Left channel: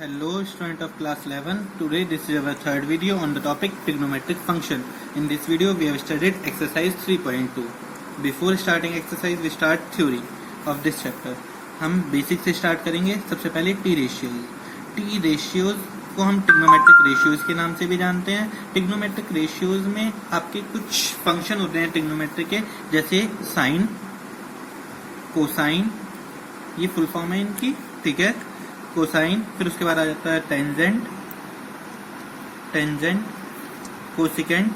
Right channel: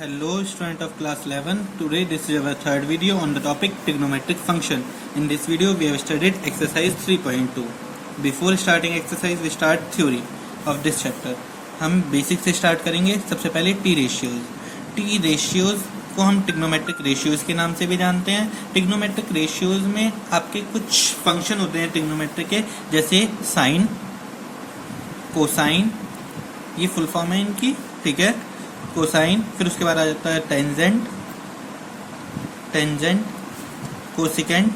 Hello student of class 11. Today this is our third video on the topic trigonometric function. In this video we have studied exercise 3.2. Before starting exercise we start theory of this chapter. हम basic से start करेंगे. सबसे पहले T ratios. T ratios को हम trigonometric ratios के नाम से भी जानते हैं. ट्रिग्नोमेट्रिक रेशियोज में आपके कुछ फंक्शन होते हैं ट्रिग्नोमेट्रिक के, जैसे साइन, कोसाइन, ये फुल फॉर्म है इनकी, ठीक है, कोसाइन. फिर उसके बाद आ जाता है tangent, tangent, cosecant,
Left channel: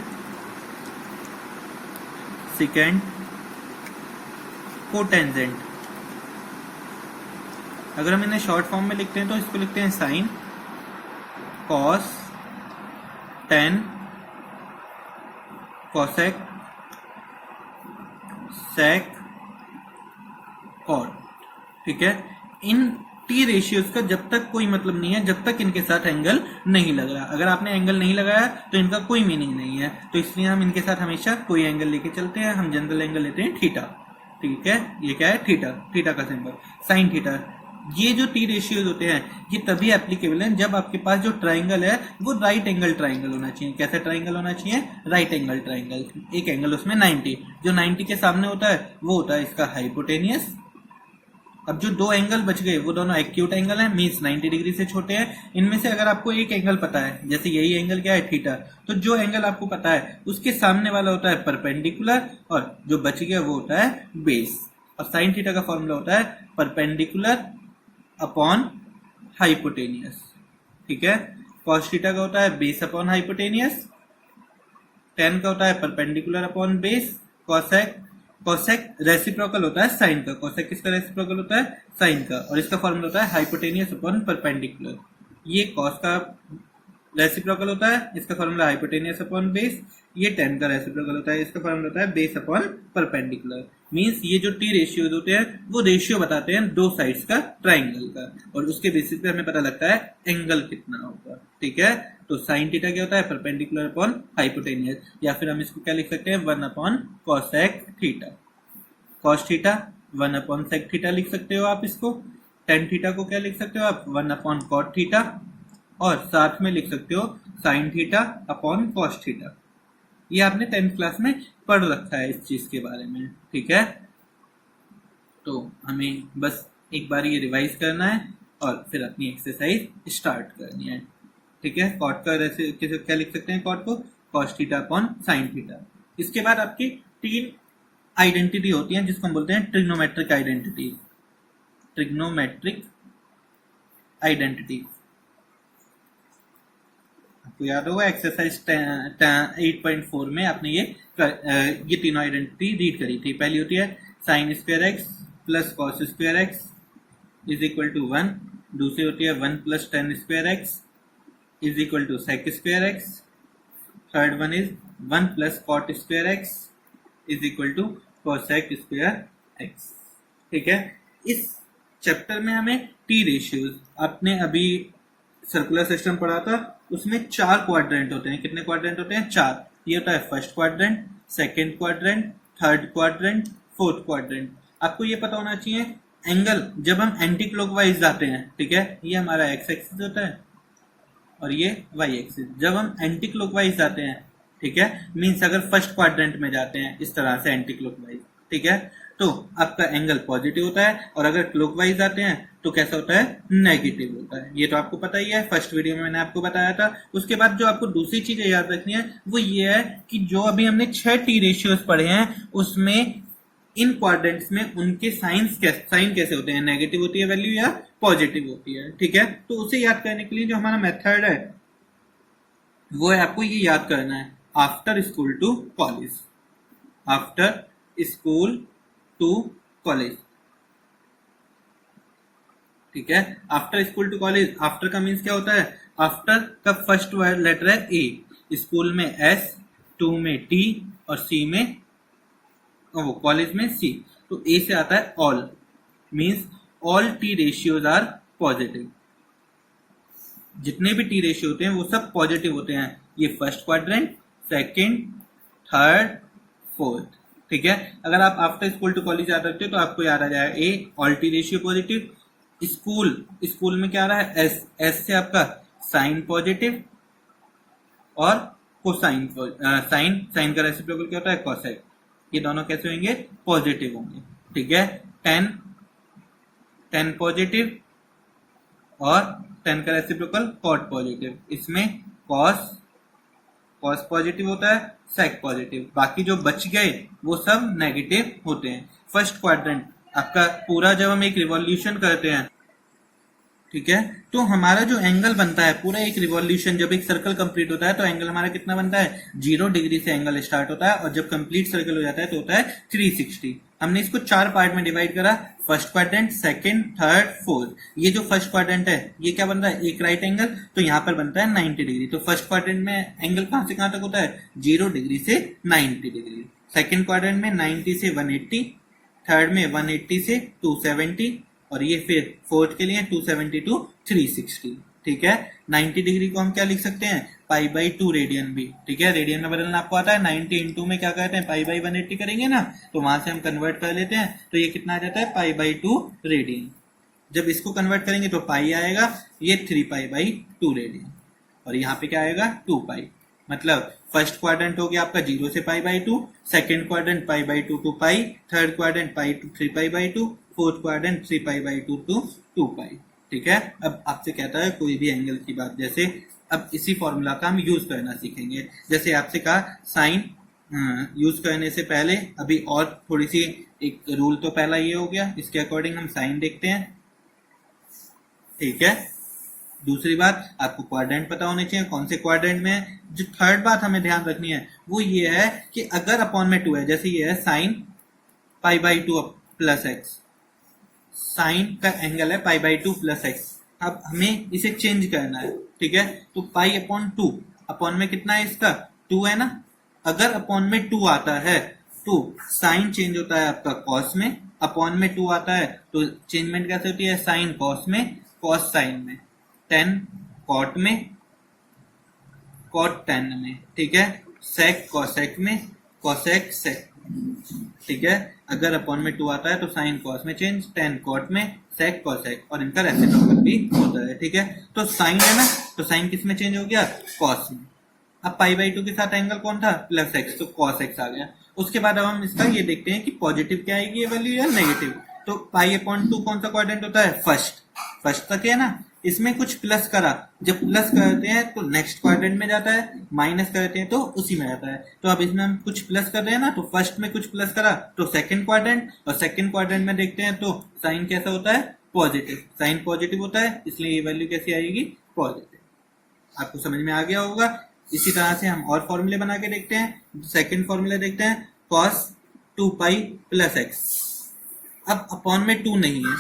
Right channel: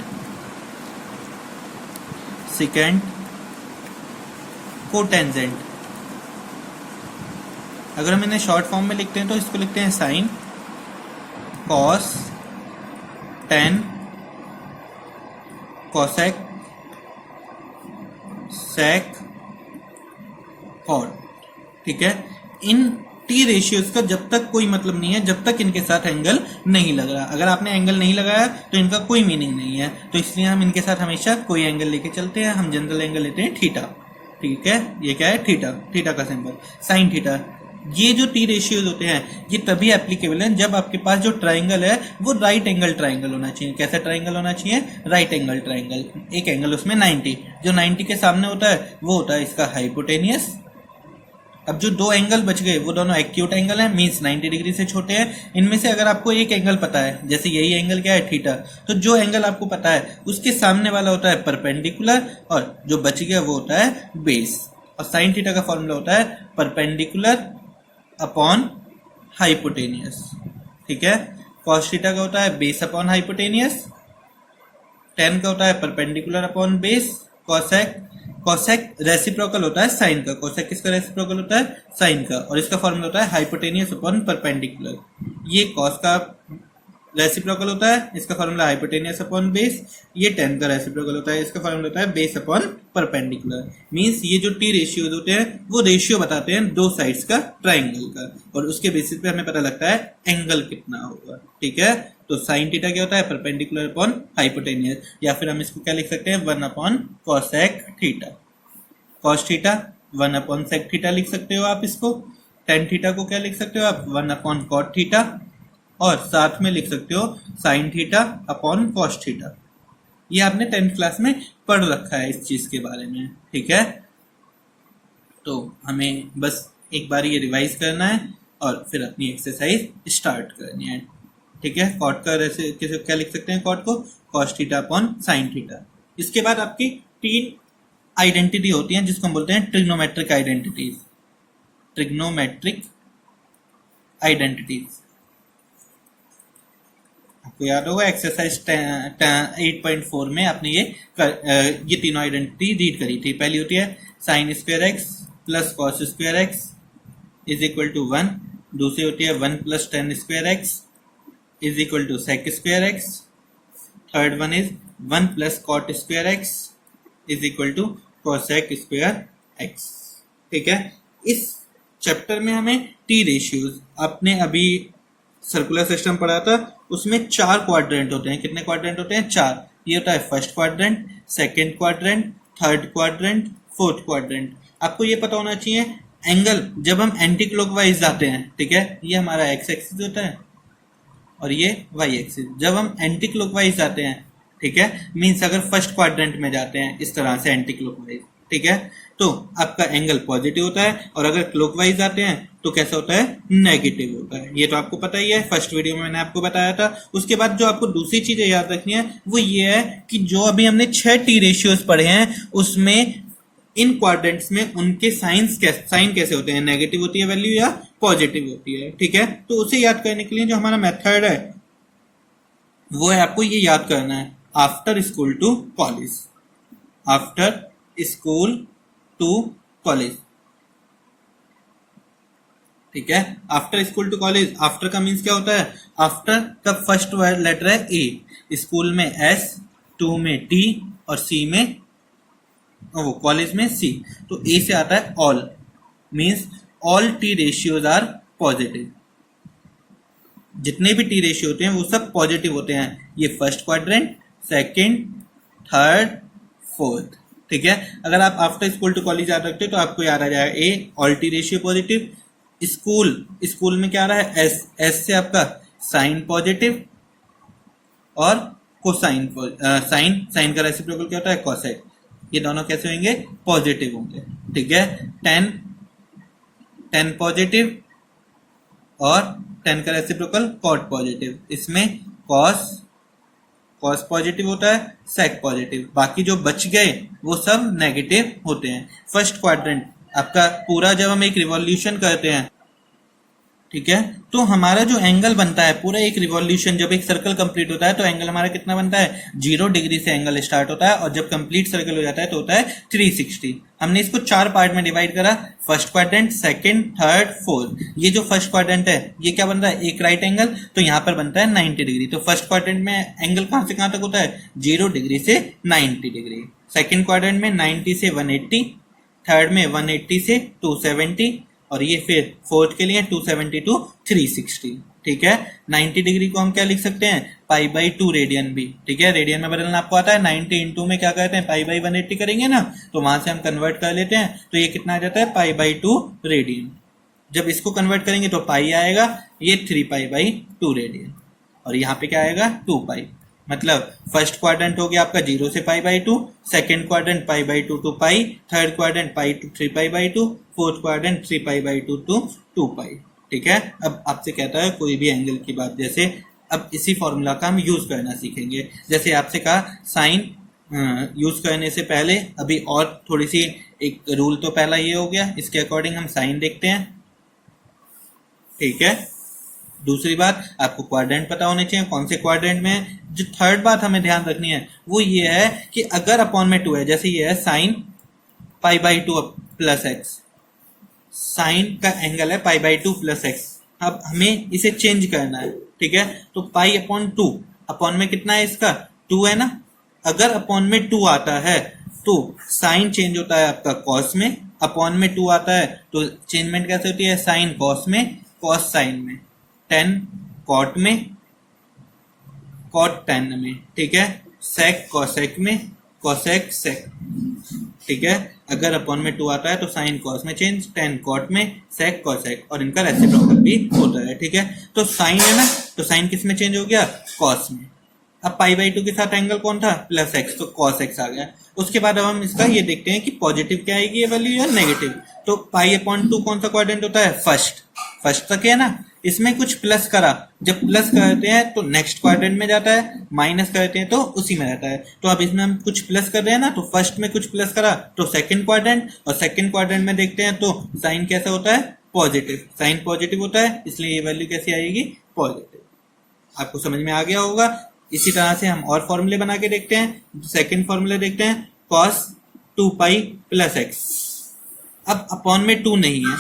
secant, cotangent. अगर हम इन्हें शॉर्ट फॉर्म में लिखते हैं तो इसको लिखते हैं साइन, कॉस, टेन, कॉसेक, सेक, कॉट. ठीक है. इन टी रेशियोज का जब तक कोई मतलब नहीं है जब तक इनके साथ एंगल नहीं लग रहा. अगर आपने एंगल नहीं लगाया तो इनका कोई मीनिंग नहीं है. तो इसलिए हम इनके साथ हमेशा कोई एंगल लेके चलते हैं. हम जनरल एंगल लेते हैं थीटा. ठीक है. ये क्या है? थीटा. थीटा का सिंबल साइन थीटा. ये जो टी रेशियोज होते हैं ये तभी एप्लीकेबल है जब आपके पास जो ट्राइंगल है वो राइट एंगल ट्राइंगल होना चाहिए. कैसा ट्राइंगल होना चाहिए? Right angle triangle. एक एंगल उसमें 90. जो 90 के सामने होता है वो होता है इसका हाइपोटेनियस. अब जो दो एंगल बच गए वो दोनों एक्यूट एंगल हैं, मींस 90 डिग्री से छोटे हैं. इनमें से अगर आपको एक एंगल पता है, जैसे यही एंगल क्या है? थीटा, तो जो एंगल आपको पता है उसके सामने वाला होता है परपेंडिकुलर और जो बच गया वो होता है बेस. और साइन थीटा का फॉर्मूला होता है परपेंडिकुलर अपॉन हाइपोटेनियस. ठीक है. कॉस थीटा का होता है बेस अपॉन हाइपोटेनियस. टेन का होता है perpendicular upon base. Cosec, cosec reciprocal होता है साइन का. कॉसेक किसका रेसिप्रोकल होता है? साइन का. और इसका फॉर्मूला होता है हाइपोटेनियस अपॉन परपेंडिकुलर. ये कॉस का रेसिप्रोकल होता है, इसका फॉर्मूला हाइपोटेनियस अपॉन बेस. ये टेन का रेसिप्रोकल होता है, इसका फॉर्मूला होता है बेस अपॉन परपेंडिकुलर. मींस ये जो टी रेशियोज होते हैं वो रेशियो बताते हैं दो साइड्स का ट्राइंगल का, और उसके बेसिस पे हमें पता लगता है एंगल कितना होगा. ठीक है. तो साइन थीटा क्या होता है? Perpendicular upon hypotenuse. या फिर हम इसको क्या लिख सकते हैं? 1 upon cosec theta. Cos theta 1 upon sec theta लिख सकते हो आप इसको. टेन थीटा को क्या लिख सकते हो आप? 1 अपॉन कॉट थीटा. और साथ में लिख सकते हो sine theta upon cos theta. ये आपने 10th क्लास में पढ़ रखा है इस चीज के बारे में. ठीक है. तो हमें बस एक बार ये रिवाइज करना है और फिर अपनी एक्सरसाइज स्टार्ट करनी है. ठीक है. कॉट का क्या लिख सकते हैं? कॉट को cos theta upon sine theta. इसके बाद आपकी 3 आइडेंटिटी होती हैं जिसको हम बोलते हैं ट्रिग्नोमेट्रिक आइडेंटिटीज. ट्रिग्नोमेट्रिक आइडेंटिटीज आपको याद होगा एक्सरसाइज 8.4 में आपने ये तीनों आइडेंटिटी रीड करी थी. पहली होती है sine square x plus cos square x is equal to 1. दूसरी होती है 1 plus tan square x is equal to sec square x. Third one is 1 plus cot square x is equal to cosec square x. ठीक है. इस chapter में हमें T ratios, आपने अभी सर्कुलर सिस्टम पढ़ा था, उसमें 4 क्वाड्रेंट होते हैं. कितने क्वाड्रेंट होते हैं? 4. ये होता है first quadrant, second quadrant, third quadrant, fourth quadrant. आपको ये पता होना चाहिए एंगल जब हम एंटी क्लॉकवाइज जाते हैं. ठीक है. ये हमारा एक्स एक्सिस होता है और ये वाई एक्सिस. जब हम एंटी क्लॉकवाइज जाते हैं, ठीक है, मीन्स अगर फर्स्ट क्वाड्रेंट में जाते हैं इस तरह से एंटी क्लॉकवाइज, ठीक है, तो आपका एंगल पॉजिटिव होता है. और अगर क्लॉकवाइज आते हैं तो कैसा होता है? नेगेटिव होता है. ये तो आपको पता ही है, फर्स्ट वीडियो में मैंने आपको बताया था. उसके बाद जो आपको दूसरी चीजें याद रखनी है वो ये है कि जो अभी हमने 6 टी रेशियोज पढ़े हैं उसमें इन क्वाड्रेंट्स में उनके साइन कैसे होते हैं? नेगेटिव होती है वैल्यू या पॉजिटिव होती है. ठीक है. तो उसे याद करने के लिए जो हमारा मेथड है वो है, आपको ये याद करना है after school to college. After school to college. ठीक है. After school to college. After का मीन्स क्या होता है? आफ्टर का फर्स्ट लेटर है ए. स्कूल में एस, टू में टी और सी में वो कॉलेज में सी. तो ए से आता है all. Means all T ratios are positive. जितने भी टी रेशियो होते हैं वो सब पॉजिटिव होते हैं. ये first quadrant, second, third, fourth. ठीक है. अगर आप आफ्टर स्कूल टू कॉलेज याद रखते हो तो आपको याद आ जाएगा A all T ratio positive, school में क्या आ रहा है, एस, एस से आपका साइन पॉजिटिव और कोसाइन, साइन, साइन का रेसिप्रोकल क्या होता है, कोसेक, ये दोनों कैसे होंगे, पॉजिटिव होंगे, ठीक है। टेन, टेन पॉजिटिव और टेन का रेसिप्रोकल कॉट पॉजिटिव, इसमें कॉस, कॉस पॉजिटिव होता है, सेक पॉजिटिव, बाकी जो बच गए वो सब नेगेटिव होते हैं। फर्स्ट क्वाड्रेंट आपका पूरा जब हम एक रिवॉल्यूशन करते हैं, ठीक है, तो हमारा जो एंगल बनता है पूरा एक रिवॉल्यूशन, जब एक सर्कल कंप्लीट होता है तो एंगल हमारा कितना बनता है, 0 डिग्री से एंगल स्टार्ट होता है और जब कंप्लीट सर्कल हो जाता है तो होता है 360। हमने इसको 4 पार्ट में डिवाइड करा, first quadrant, second, third, fourth. ये जो फर्स्ट क्वाड्रेंट है ये क्या बन रहा है, एक राइट एंगल, तो यहाँ पर बनता है 90 डिग्री। तो फर्स्ट क्वाड्रेंट में एंगल कहां से कहां तक होता है, 0 डिग्री से 90 डिग्री। सेकेंड क्वाड्रेंट में 90 से 180, थर्ड में 180 से 270 और ये फिर फोर्थ के लिए 270 टू 360, ठीक है। 90 डिग्री को हम क्या लिख सकते हैं, पाई बाई 2 रेडियन भी, ठीक है। रेडियन में बदलना आपको आता है, 90 इंटू में क्या कहते हैं, पाई बाई 180 करेंगे ना, तो वहां से हम कन्वर्ट कर लेते हैं, तो ये कितना आ जाता है, पाई बाई 2 रेडियन। जब इसको कन्वर्ट करेंगे तो पाई आएगा, ये 3 पाई बाई 2 रेडियन और यहाँ पे क्या आएगा, 2 पाई। मतलब फर्स्ट क्वाड्रेंट हो गया आपका 0 से pi by 2, second quadrant pi by 2 to pi, third quadrant pi to 3 pi by 2, fourth quadrant 3 pi by 2 to 2 pi, ठीक है। अब आपसे कहता है कोई भी एंगल की बात, जैसे अब इसी फॉर्मूला का हम यूज करना सीखेंगे। जैसे आपसे कहा साइन यूज करने से पहले अभी और थोड़ी सी एक रूल, तो पहला ये हो गया, इसके अकॉर्डिंग हम साइन देखते हैं, ठीक है। दूसरी बात, आपको क्वाड्रेंट पता होने चाहिए कौन से क्वाड्रेंट में है। जो थर्ड बात हमें ध्यान रखनी है वो ये है कि अगर अपॉन में 2 है, जैसे ये है sine pi by 2 plus x, sine का एंगल है पाई बाई 2 प्लस एक्स, अब हमें इसे चेंज करना है, ठीक है। तो पाई अपॉन 2, अपॉन में कितना है इसका, 2 है ना। अगर अपॉन में 2 आता है तो साइन चेंज होता है आपका कॉस में, अपॉन में 2 आता है तो चेंजमेंट कैसे होती है, साइन कॉस में, कॉस साइन में, टेन कॉट में, कॉट टेन में, ठीक है। सेक कॉसेक में, कॉसेक सेक, ठीक है। अगर अपॉन में 2 आता है तो साइन कॉस में चेंज, टेन कॉट में, सेक कॉसेक, और इनका रेसिप्रोकल भी होता है, ठीक है। तो साइन है ना, तो साइन किस में चेंज हो गया, कॉस में। अब पाई बाई 2 के साथ एंगल कौन था, प्लस एक्स, तो कॉस एक्स आ गया। उसके बाद अब हम इसका ये देखते हैं कि पॉजिटिव क्या आएगी ये वैल्यू या नेगेटिव। तो पाई अपॉन 2 कौन सा क्वाड्रेंट होता है, फर्स्ट, फर्स्ट तक है ना। इसमें कुछ प्लस करा, जब प्लस करते हैं तो नेक्स्ट क्वाड्रेंट में जाता है, माइनस करते हैं तो उसी में रहता है। तो अब इसमें हम कुछ प्लस कर रहे हैं ना, तो फर्स्ट में कुछ प्लस करा तो सेकंड क्वाड्रेंट, और सेकंड क्वाड्रेंट में देखते हैं तो साइन कैसा होता है, पॉजिटिव, साइन पॉजिटिव होता है, इसलिए ये वैल्यू कैसी आएगी, पॉजिटिव। आपको समझ में आ गया होगा। इसी तरह से हम और फॉर्मूले बना के देखते हैं। सेकंड फॉर्मूले देखते हैं, कॉस 2 पाई प्लस एक्स। अब अपॉन में 2 नहीं है,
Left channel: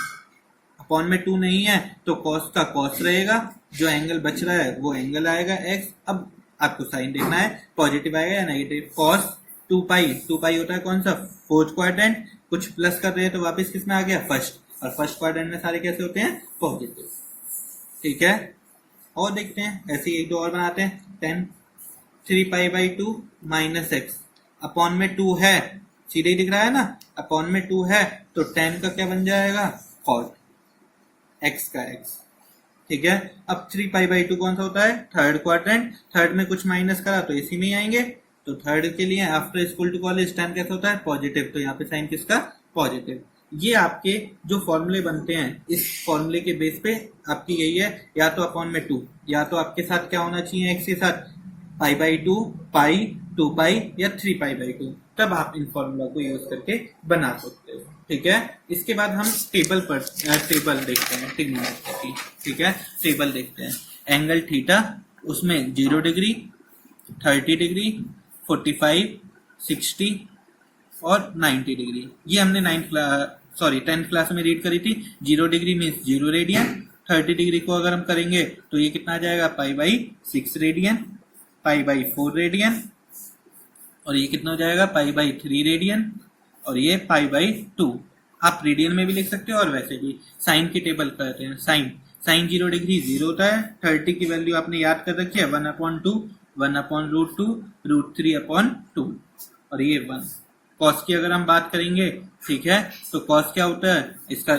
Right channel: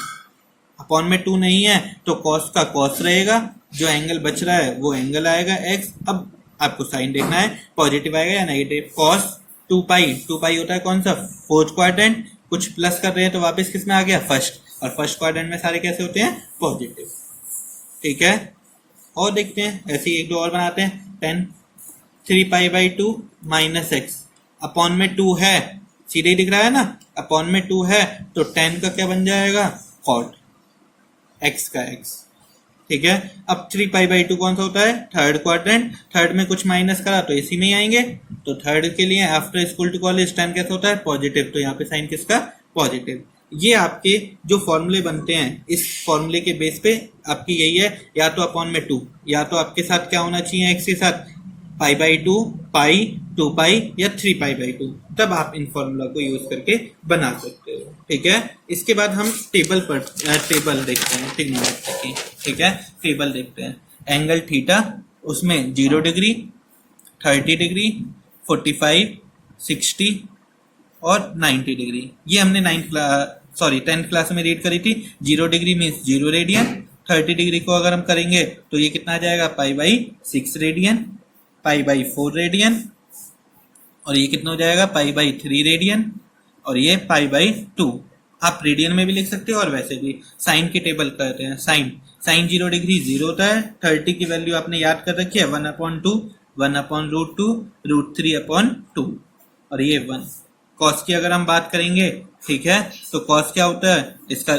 अपॉन में 2 नहीं है तो कॉस का कॉस रहेगा, जो एंगल बच रहा है वो एंगल आएगा एक्स। अब आपको साइन देखना है पॉजिटिव आएगा या नेगेटिव। कॉस 2 पाई, 2 पाई होता है कौन सा, फोर्थ क्वाड्रेंट, कुछ प्लस कर रहे हैं तो वापस किस में आ गया, फर्स्ट, और फर्स्ट क्वाड्रेंट में सारे कैसे होते हैं, पॉजिटिव, ठीक है। और देखते हैं ऐसे ही एक दो और बनाते हैं। 10 3 pi by 2 minus x, upon में 2 है, सीधे ही दिख रहा है ना, अपॉन में 2 है तो 10 का क्या बन जाएगा, कॉट एक्स का एक्स, ठीक है। अब 3 पाई बाई 2 कौन सा होता है, थर्ड क्वाड्रेंट, थर्ड में कुछ माइनस करा तो इसी में ही आएंगे। तो थर्ड के लिए आफ्टर स्कूल टू कॉलेज 10 कैसा होता है, पॉजिटिव, तो यहाँ पे साइन किसका, पॉजिटिव। ये आपके जो फॉर्मूले बनते हैं, इस फॉर्मूले के बेस पे आपकी यही है, या तो अपॉन में 2, या तो आपके साथ क्या होना चाहिए, एक्स के साथ पाई बाई 2, पाई 2 पाई या 3 पाई बाई 2, तब आप इन फॉर्मूला को यूज करके बना सकते हो, ठीक है। इसके बाद हम टेबल देखते हैं ट्रिग्नोमेट्री की, ठीक है। टेबल देखते हैं, एंगल थीटा, उसमें 0 डिग्री, 30 डिग्री, 45, 60 और 90 डिग्री, ये हमने 10th क्लास में रीड करी थी। 0 डिग्री मीन्स 0 रेडियन, 30 डिग्री को अगर हम करेंगे तो ये कितना आ जाएगा, pi by 6 radian, pi by 4 radian, और ये कितना हो जाएगा, पाई बाई 3 रेडियन, और ये पाई बाई 2। आप रेडियन में भी लिख सकते हो और वैसे भी। साइन की टेबल करते हैं, साइन 0 डिग्री 0 होता है, 30 की वैल्यू आपने याद कर रखी है 1/2, 1/√2, √3/2, और ये 1। कॉस की अगर हम बात करेंगे, ठीक है, तो कॉस क्या होता है, इसका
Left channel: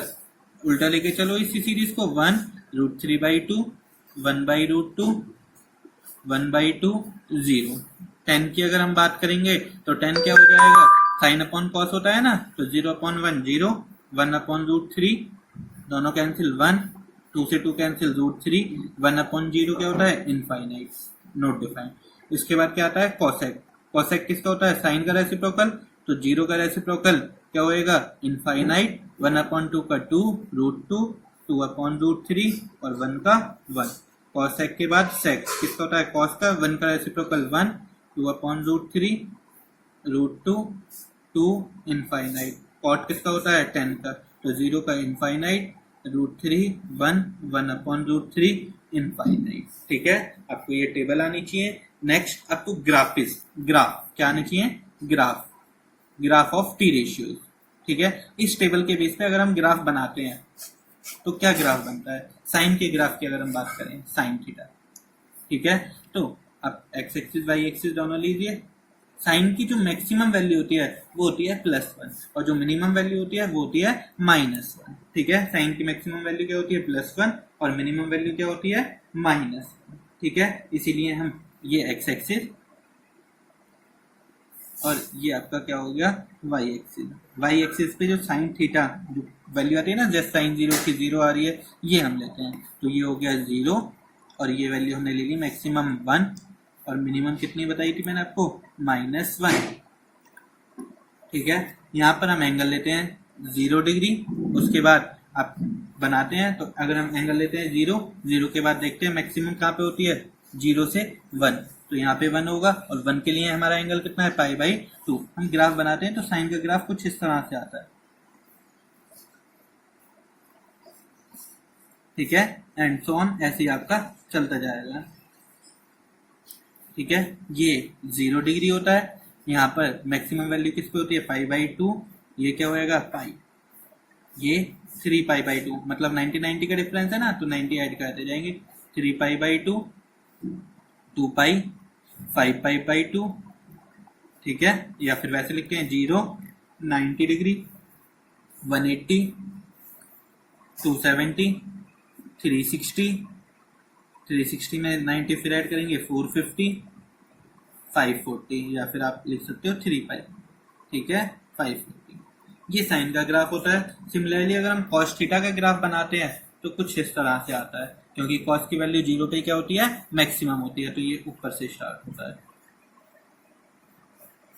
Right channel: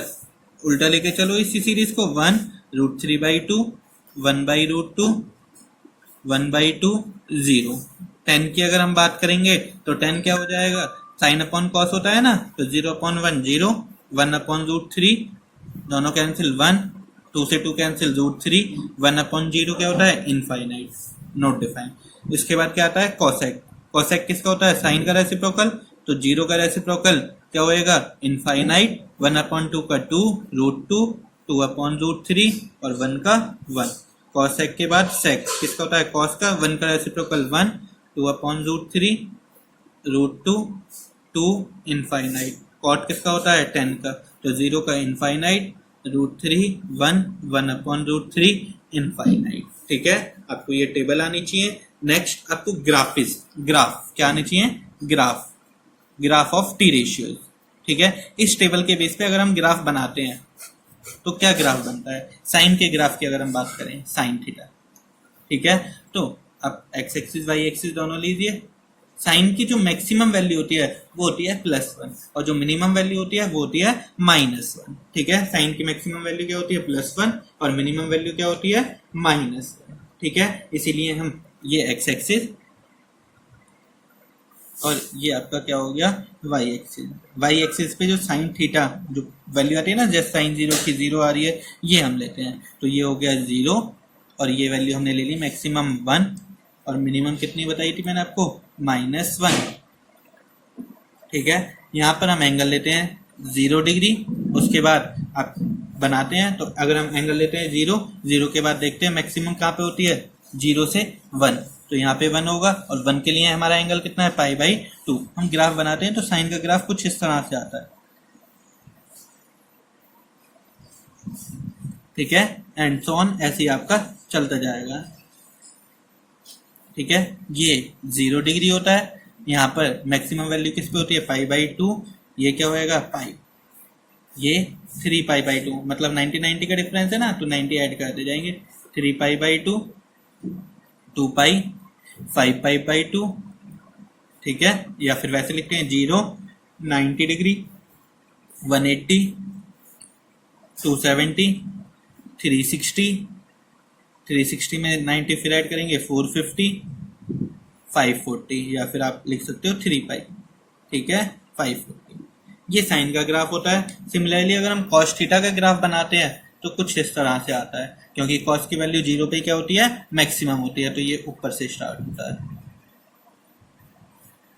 उल्टा लेके चलो इसी सीरीज को, 1√3/2, 1/√2, 1/2, 0। 10 की अगर हम बात करेंगे तो 10 क्या हो जाएगा, साइन अपॉन कॉस होता है ना, तो 0/1 0, 1/√3, दोनों कैंसिल 1, 2 से 2 कैंसिल, √3, 1/0 क्या होता है, इनफाइनाइट, नॉट डिफाइन। इसके बाद क्या आता है, कॉसेक। कॉसेक किसका होता है, साइन का रेसिप्रोकल, तो 0 का रेसिप्रोकल क्या होएगा, इनफाइनाइट, 1/2 का 2, √2, 2/√3 और 1 का 1। कॉसेक के बाद सेक किसका होता है, कॉस का, 1 का रेसिप्रोकल 1, 2/√3, √2, 2 इनफाइनाइट। कॉट किसका होता है, 10 का, तो 0 का इनफाइनाइट, √3, 1, 1/√3 इनफाइनाइट। ठीक है, आपको ये टेबल आनी चाहिए। नेक्स्ट आपको ग्राफ क्या आनी चाहिए, ग्राफ ऑफ टी रेशियोज। ठीक है, इस टेबल के बेस पे अगर हम ग्राफ बनाते हैं तो क्या ग्राफ बनता है, साइन के ग्राफ की अगर हम बात करें, साइन थीटा। ठीक है, तो आप एक्स एक्सिस वाई एक्सिस दोनों लीजिए। साइन की जो मैक्सिमम वैल्यू होती है वो होती है +1 और जो मिनिमम वैल्यू होती है वो होती है -1। ठीक है, साइन की मैक्सिमम वैल्यू क्या होती है, +1 और मिनिमम वैल्यू क्या होती है, -1। ठीक है, इसीलिए हम ये एक्स एक्सिस और ये आपका क्या हो गया, वाई एक्सिस पे जो साइन थीटा जो वैल्यू आती है ना, जैसे साइन 0 की 0 आ रही है, ये हम लेते हैं, तो ये हो गया 0 और ये वैल्यू हमने ले ली मैक्सिमम 1 और मिनिमम कितनी बताई थी मैंने आपको, -1। ठीक है, यहाँ पर हम एंगल लेते हैं 0 डिग्री, उसके बाद आप बनाते हैं, तो अगर हम एंगल लेते हैं 0 के बाद देखते हैं मैक्सिमम कहाँ पे होती है, 0 से 1, तो यहाँ पे 1 होगा और 1 के लिए हमारा एंगल कितना है, π/2। हम ग्राफ बनाते हैं तो साइन का ग्राफ कुछ इस तरह से आता है। ठीक है, एंड सो ऑन, ऐसे ही आपका चलता जाएगा। ठीक है, ये 0 डिग्री होता है, यहाँ पर मैक्सिमम वैल्यू किस पे होती है, π/2, ये क्या होएगा, पाई, ये 3π/2, मतलब 90 का डिफरेंस है ना, तो 90 ऐड करते जाएंगे, 3π/2, 2π, 5π/2। ठीक है, या फिर वैसे लिखते हैं 0, 90 डिग्री, 180, 270, 360 में 90 फिर ऐड करेंगे, 450, 540, या फिर आप लिख सकते हो 3π। ठीक है, 540। ये साइन का ग्राफ होता है। सिमिलरली अगर हम कॉस थीटा का ग्राफ बनाते हैं तो कुछ इस तरह से आता है, क्योंकि कॉस की वैल्यू 0 पे क्या होती है, मैक्सिमम होती है, तो ये ऊपर से स्टार्ट होता है।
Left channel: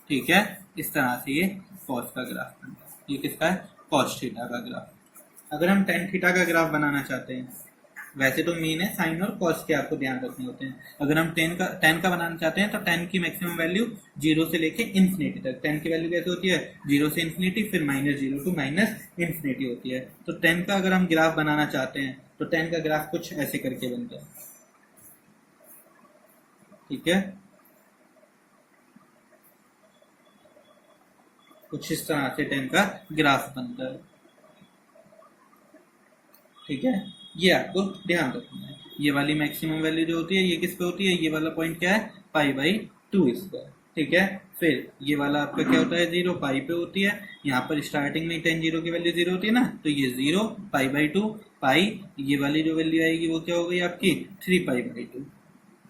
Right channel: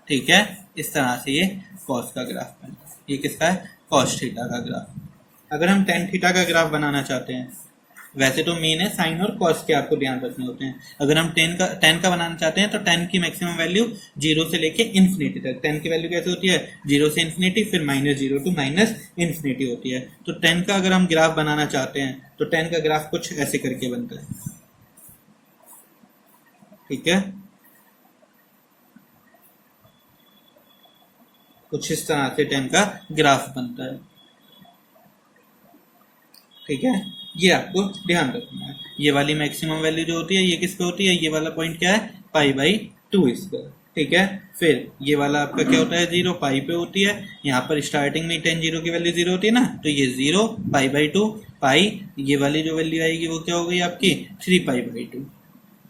ठीक है, इस तरह से ये कॉस का ग्राफ बनता है। ये किसका है, कॉस थीटा का ग्राफ। अगर हम टेन थीटा का ग्राफ बनाना चाहते हैं, वैसे तो मेन है साइन और कॉस के आपको ध्यान रखने होते हैं। अगर हम टेन का बनाना चाहते हैं तो 10 की मैक्सिमम वैल्यू 0 से लेके इन्फिनिटी तक। 10 की वैल्यू कैसे होती है, 0 से इन्फिनिटी, फिर -0 टू -इन्फिनिटी होती है। तो 10 का अगर हम ग्राफ बनाना चाहते हैं तो 10 का ग्राफ कुछ ऐसे करके बनता है। ठीक है, कुछ इस तरह से 10 का ग्राफ बनता है। ठीक है, ये आपको ध्यान रखना है। ये वाली मैक्सिमम वैल्यू जो होती है ये किस पे होती है, ये वाला पॉइंट क्या है, π/2 इसका। ठीक है, फिर ये वाला आपका क्या होता है, 0 पाई पे होती है। यहाँ पर स्टार्टिंग में 10 0 की वैल्यू 0 होती है ना, तो ये 0 π/2 पाई, ये वाली जो वैल्यू आएगी वो क्या हो गई आपकी 3π/2।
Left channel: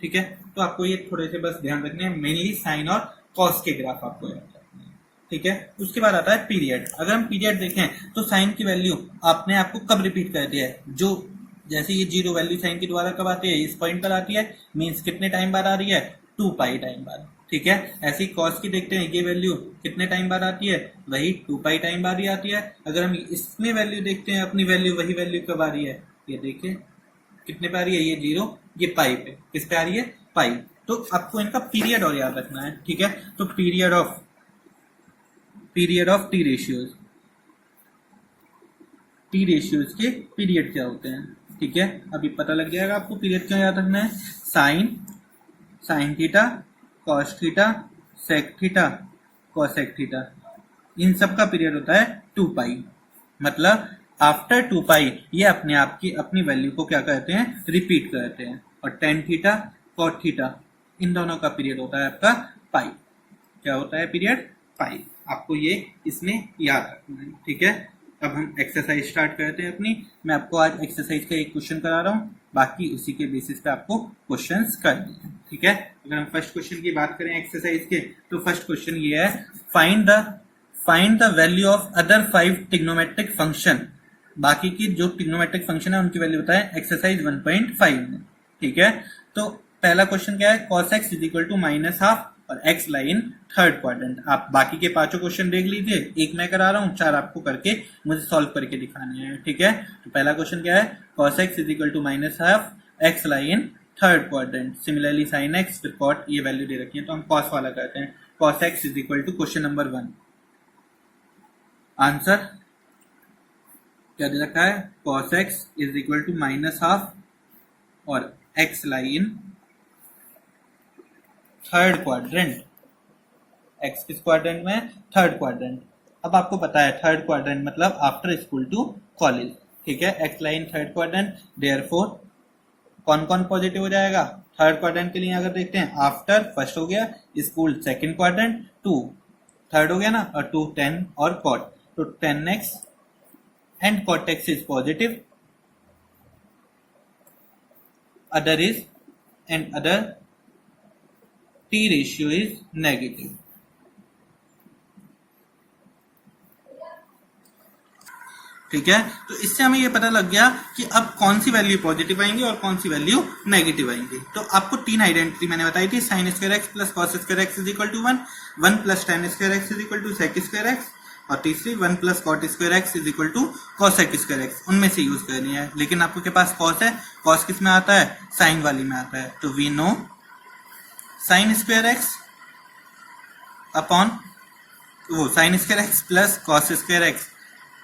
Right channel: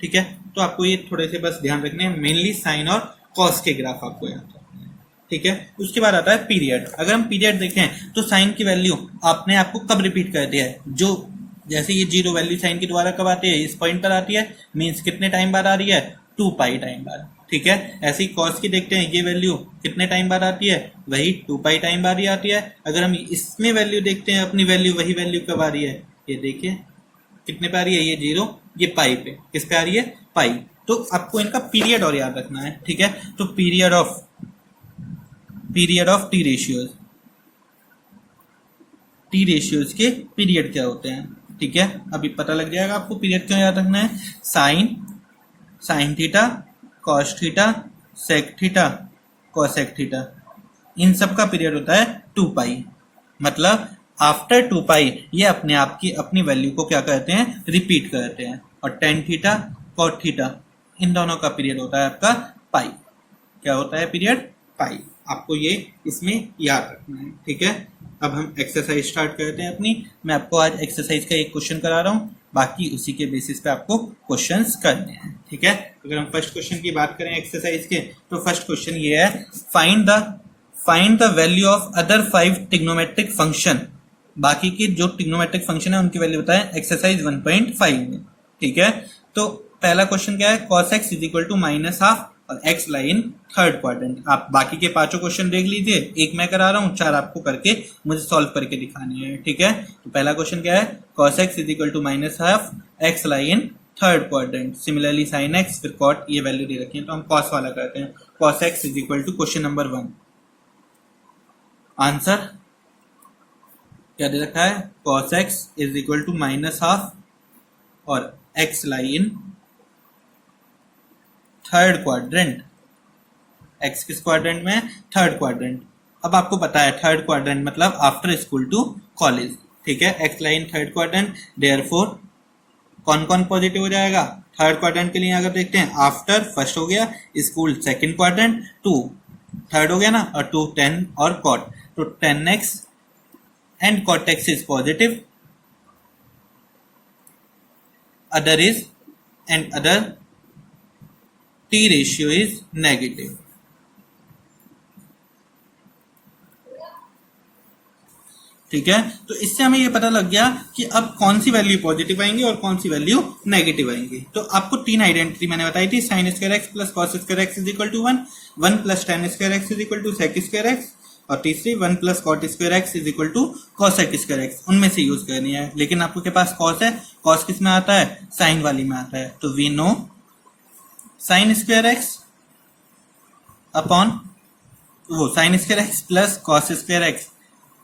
ठीक है, तो आपको ये थोड़े से बस ध्यान रखने हैं, मेनली साइन और कॉस के ग्राफ आपको याद रखना है। ठीक है, उसके बाद आता है पीरियड। अगर हम पीरियड देखें तो साइन की वैल्यू आपने आपको कब रिपीट कर दिया है, जो जैसे ये 0 वैल्यू साइन की दोबारा कब आती है, इस पॉइंट पर आती है, मीन्स कितने टाइम बाद आ रही है, 2π टाइम बाद। ठीक है, ऐसे ही कॉस की देखते हैं, ये वैल्यू कितने टाइम बाद आती है, वही 2π टाइम बाद ही आती है। अगर हम इसमें वैल्यू देखते हैं अपनी वैल्यू, वही वैल्यू कब आ रही है, ये देखिए कितने पे आ रही है, ये 0, ये पाई पे, किस पे आ रही है, पाई। तो आपको इनका पीरियड और याद रखना है। ठीक है, तो पीरियड ऑफ टी रेशियोज के पीरियड क्या होते हैं। ठीक है, अभी पता लग जाएगा आपको पीरियड क्यों याद रखना है। Sine theta, cos theta, sec theta, cosec theta, इन सब का पीरियड होता है 2π। मतलब आफ्टर 2π ये अपने आप की अपनी वैल्यू को क्या कहते हैं, रिपीट करते हैं। और टेन थीटा, कॉट थीटा, इन दोनों का पीरियड होता है आपका पाई। क्या होता है पीरियड, पाई। आपको ये इसमें याद रखना है। ठीक है, अब हम एक्सरसाइज स्टार्ट करते हैं अपनी। मैं आपको आज एक्सरसाइज का एक क्वेश्चन करा रहा हूँ, बाकी उसी के बेसिस पे आपको क्वेश्चंस करने हैं, ठीक है। अगर हम फर्स्ट क्वेश्चन की बात करें एक्सरसाइज के, तो फर्स्ट क्वेश्चन ये है, find the value of other 5 trigonometric function. बाकी की जो ट्रिग्नोमेट्रिक फंक्शन है उनकी वैल्यू बताएं एक्सरसाइज 1.5 में, ठीक है। तो पहला क्वेश्चन क्या है, cos x is equal to -12 और x लाइन थर्ड क्वाड्रेंट। आप बाकी के पांचों क्वेश्चन देख लीजिए, एक मैं करा रहा हूँ, 4 आपको करके मुझे सॉल्व करके दिखाने हैं, ठीक है। तो पहला क्वेश्चन क्या है, cos x is equal to -12 x line third quadrant, similarly sin x, फिर cot, ये वैल्यू दे रखी है तो हम cos वाला करते हैं। cos x is equal to question number 1, answer क्या दे रखा है, cos x is equal to -12 और x line third quadrant. x किस क्वाड्रेंट में, थर्ड क्वाड्रेंट। अब आपको पता है थर्ड क्वाड्रेंट मतलब आफ्टर स्कूल टू कॉलेज, ठीक है। x line third quadrant, therefore कौन कौन पॉजिटिव हो जाएगा थर्ड क्वाड्रेंट के लिए। अगर देखते हैं, आफ्टर फर्स्ट हो गया, स्कूल सेकंड क्वाड्रेंट, 2 थर्ड हो गया ना, और 2 10 और cot, तो 10x and cot x is positive, other is and other t ratio is negative, ठीक है। तो इससे हमें ये पता लग गया कि अब कौन सी वैल्यू पॉजिटिव आएंगी और कौन सी वैल्यू नेगेटिव आएंगी। तो आपको 3 आइडेंटिटी मैंने बताई थी, sin square x plus cos square x is equal to 1, 1 plus tan square x is equal to sec square x, और तीसरी 1 प्लस cot square x is equal to cosec square x. उनमें से यूज करनी है, लेकिन आपको के पास cos है, cos किस में आता है, साइन वाली में आता है। तो we know sin square x upon वो sin square x plus cos square x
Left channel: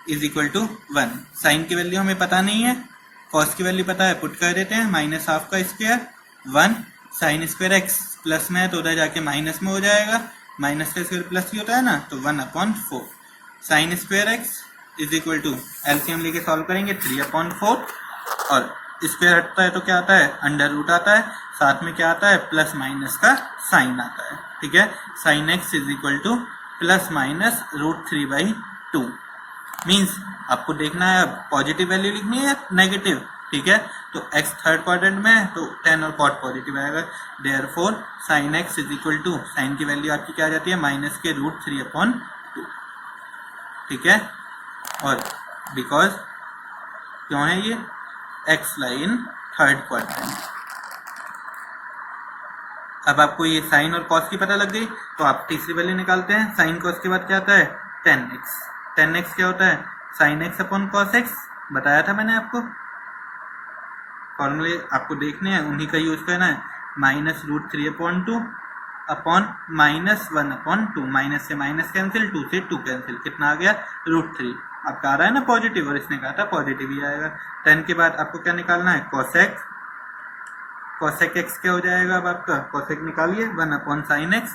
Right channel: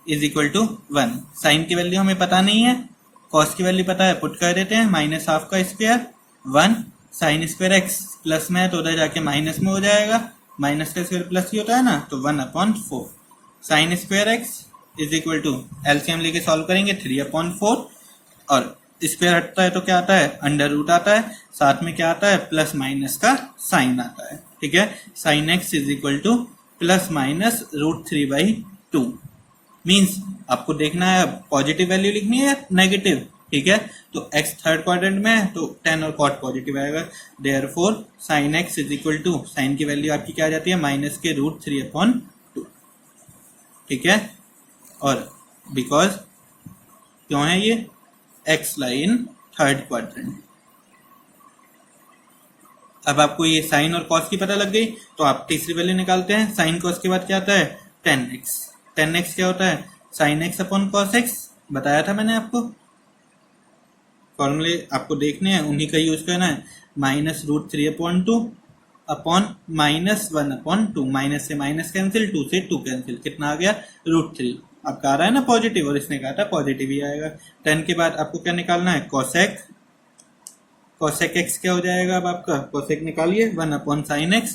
is equal to 1। Sine की वैल्यू हमें पता नहीं है, cos की वैल्यू पता है, पुट कर देते हैं, -12 का square 1, sin square x plus में है तो उधर जाके माइनस में हो जाएगा, माइनस का स्क्वायर प्लस ही होता है ना, तो 1/4। sin square x is equal to LCM लेके सॉल्व करेंगे 3/4, और स्क्वायर हटता है तो क्या आता है, अंडर रूट आता है, साथ में क्या आता है, प्लस माइनस का साइन आता है, ठीक है। sin x is equal to ±√3/2। Means आपको देखना है पॉजिटिव वैल्यू लिखनी है या नेगेटिव, ठीक है। तो x थर्ड क्वाड्रेंट में है तो 10 और cot पॉजिटिव आएगा, therefore sin x is equal to, sine की वैल्यू आपकी क्या आ जाती है, -√3/2, ठीक है। और बिकॉज क्यों है ये, x लाइन थर्ड क्वाड्रेंट। अब आपको ये साइन और cos की पता लग गई, तो आप तीसरी वैल्यू निकालते हैं। साइन cos के बाद क्या आता है, 10x। 10x क्या होता है, sin x upon cos x, बताया था मैंने आपको। फॉर्मूले आपको देखने हैं, उन्हीं का यूज करना है, -√3/2 अपॉन -1/2, माइनस से माइनस कैंसिल, 2 से 2 कैंसिल, कितना आ गया, √3। आपका आ रहा है ना पॉजिटिव, और इसने कहा था पॉजिटिव ही आएगा। 10 के बाद आपको क्या निकालना है, cosec x क्या हो जाएगा, अब आपका cosec निकालिए, 1/sin x,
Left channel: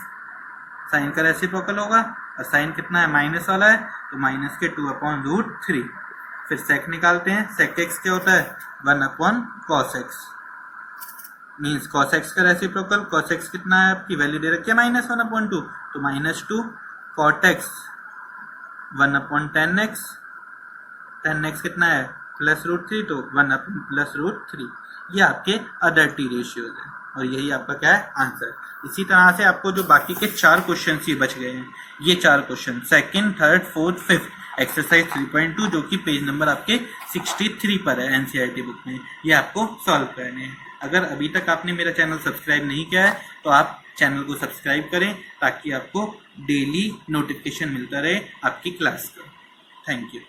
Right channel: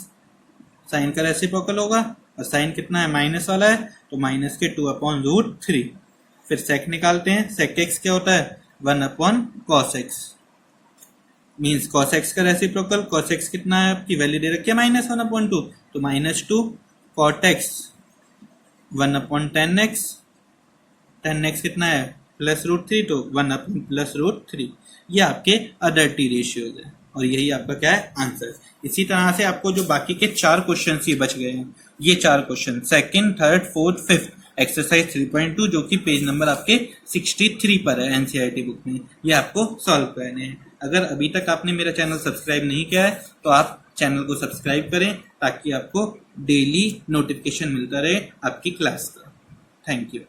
साइन का रेसिप्रोकल होगा, और साइन कितना है, माइनस वाला है, तो माइनस के 2/√3। फिर sec निकालते हैं, sec x क्या होता है, 1/cos x, means cos x का रेसिप्रोकल, cos x कितना है, आपकी वैल्यू दे रखी है -1/2, तो -2 cot x 1/10 x, 10x कितना है, +√3, तो 1/+√3। ये आपके अदर टी रेशियोज है, और यही आपका क्या है, आंसर। इसी तरह से आपको जो बाकी के 4 क्वेश्चन ही बच गए हैं, ये 4 question second, third, fourth, fifth, exercise 3.2 जो कि पेज नंबर आपके 63 पर है एनसीईआरटी बुक में, ये आपको सॉल्व करने हैं। अगर अभी तक आपने मेरा चैनल सब्सक्राइब नहीं किया है तो आप चैनल को सब्सक्राइब करें, ताकि आपको डेली नोटिफिकेशन मिलता रहे आपकी क्लास का। Thank you.